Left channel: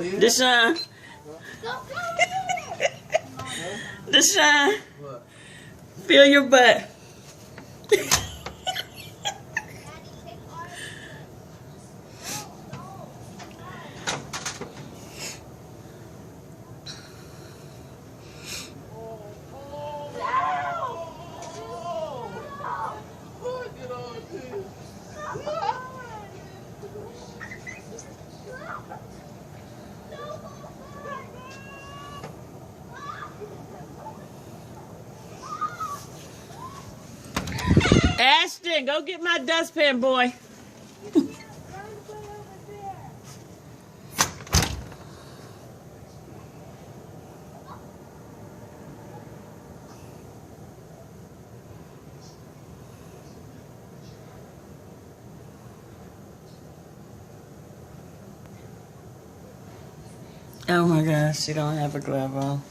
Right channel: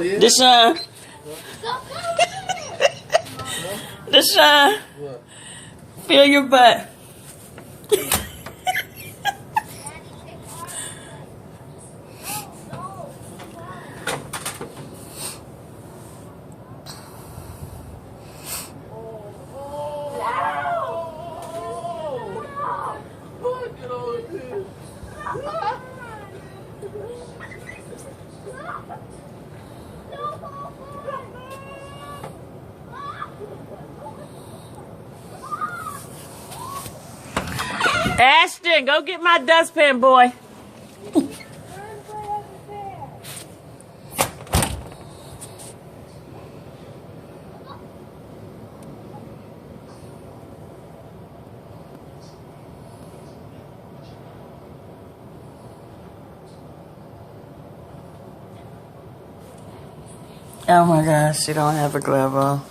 Deshaun. Deshaun. Feel your butt. Ashton, go get my dustpan, boy. Oh my gosh, she don't have a glove on.